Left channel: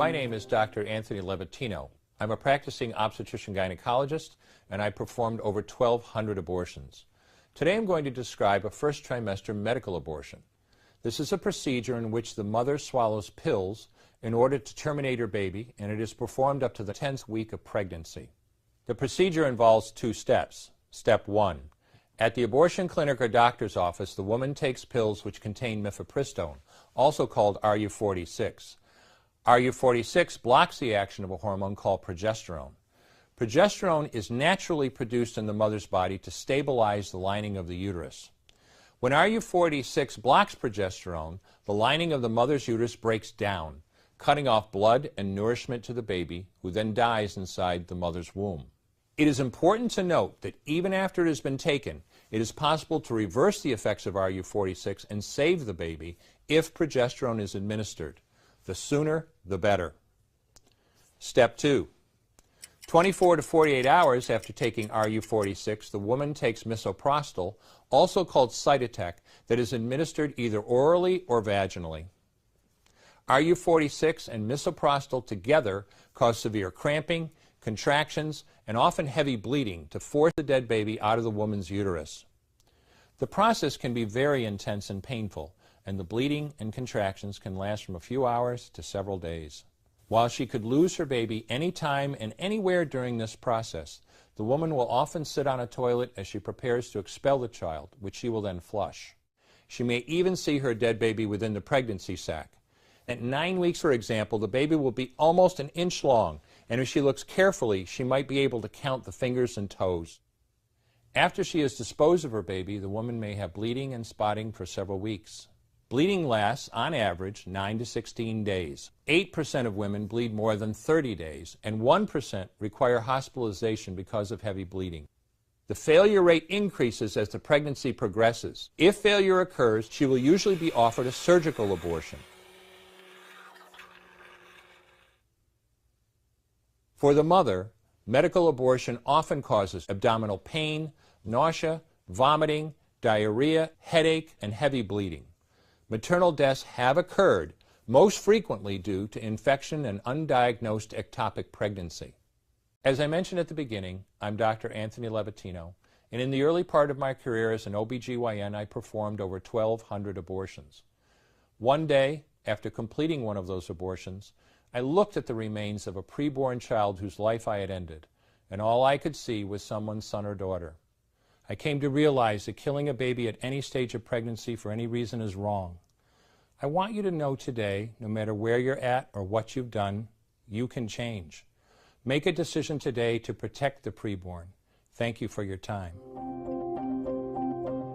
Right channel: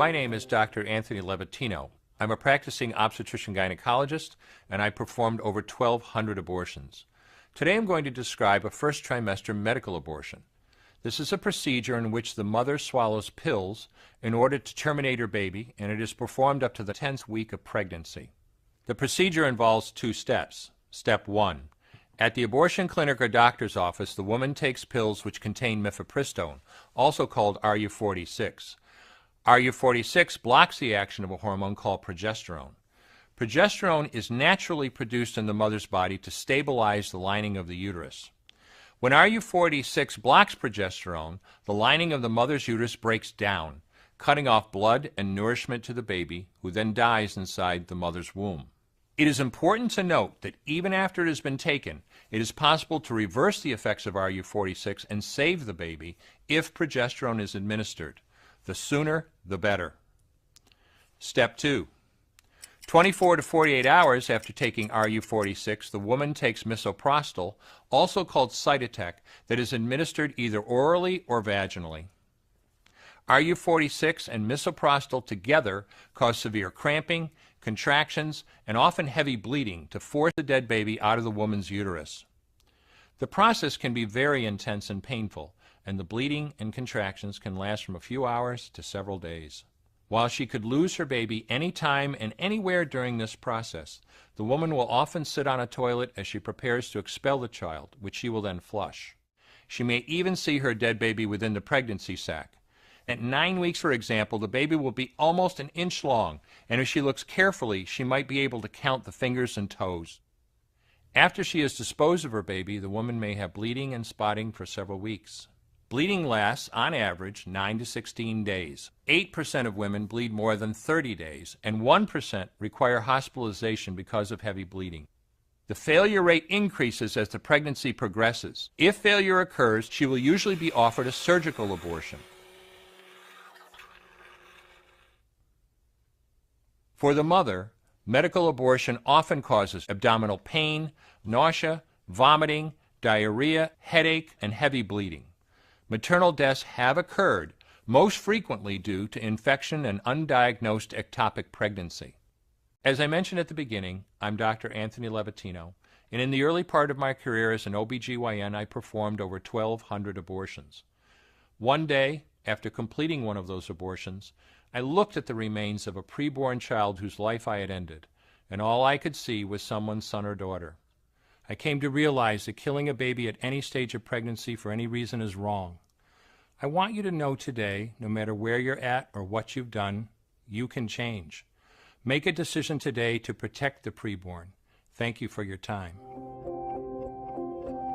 My name is Dr. Anthony Levatino. I'm a practicing obstetrician-gynecologist, and I performed over 1,200 abortions. Today I'm going to describe a first trimester medical abortion. This is a procedure in which the mother swallows pills in order to terminate her baby, and it is performed up to the 10th week of pregnancy. The procedure involves 2 steps. Step 1. At the abortion clinic or doctor's office, the woman takes pills which contain mifepristone, also called RU46. RU46 blocks the action of a hormone called progesterone. Progesterone is naturally produced in the mother's body to stabilize the lining of the uterus. When RU46 blocks progesterone, the lining of the mother's uterus breaks down, cutting off blood and nourishment to the baby, who then dies inside the mother's womb. It is important to note that even after it has been taken, it is possible to reverse the effects of RU46 and save the baby if progesterone is administered. The sooner, the better. Step 2. 24 to 48 hours after taking RU46, the woman takes misoprostol, also called Cytotec, that is administered either orally or vaginally. RU46 and misoprostol together cause severe cramping, contractions, and often heavy bleeding to force the dead baby out of the woman's uterus. The process can be very intense and painful, and the bleeding and contractions can last from a few hours to several days. While she could lose her baby anytime and anywhere during this process, the woman will often sit on a toilet as she prepares to expel the child, which she will then flush. She may even see her dead baby within the pregnancy sac. At 9 weeks, for example, the baby will be almost an inch long, and if she looks carefully, she might be able to count the fingers and toes. After she has disposed of her baby, the woman may have bleeding and spotting for several weeks. Bleeding lasts, on average, 9 to 16 days. 8% of women bleed more than 30 days, and 1% require hospitalization because of heavy bleeding. The failure rate increases as the pregnancy progresses. If failure occurs, she will usually be offered a surgical abortion. For the mother, medical abortion often causes abdominal pain, nausea, vomiting, diarrhea, headache, and heavy bleeding. Maternal deaths have occurred, most frequently due to infection and undiagnosed ectopic pregnancy. As I mentioned at the beginning, I'm Dr. Anthony Levatino, and in the early part of my career as an OBGYN, I performed over 1,200 abortions. One day, after completing one of those abortions, I looked at the remains of a preborn child whose life I had ended, and all I could see was someone's son or daughter. I came to realize that killing a baby at any stage of pregnancy for any reason is wrong. I want you to know today, no matter where you're at or what you've done, you can change. Make a decision today to protect the preborn. Thank you for your time.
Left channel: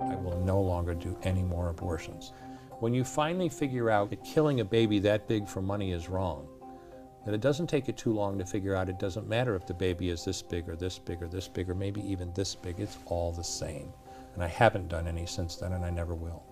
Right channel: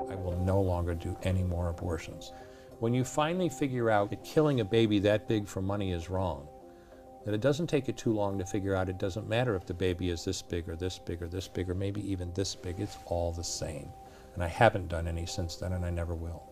I will no longer do any more abortions. When you finally figure out that killing a baby that big for money is wrong, that it doesn't take you too long to figure out it doesn't matter if the baby is this big or this big or this big or maybe even this big, it's all the same. And I haven't done any since then, and I never will.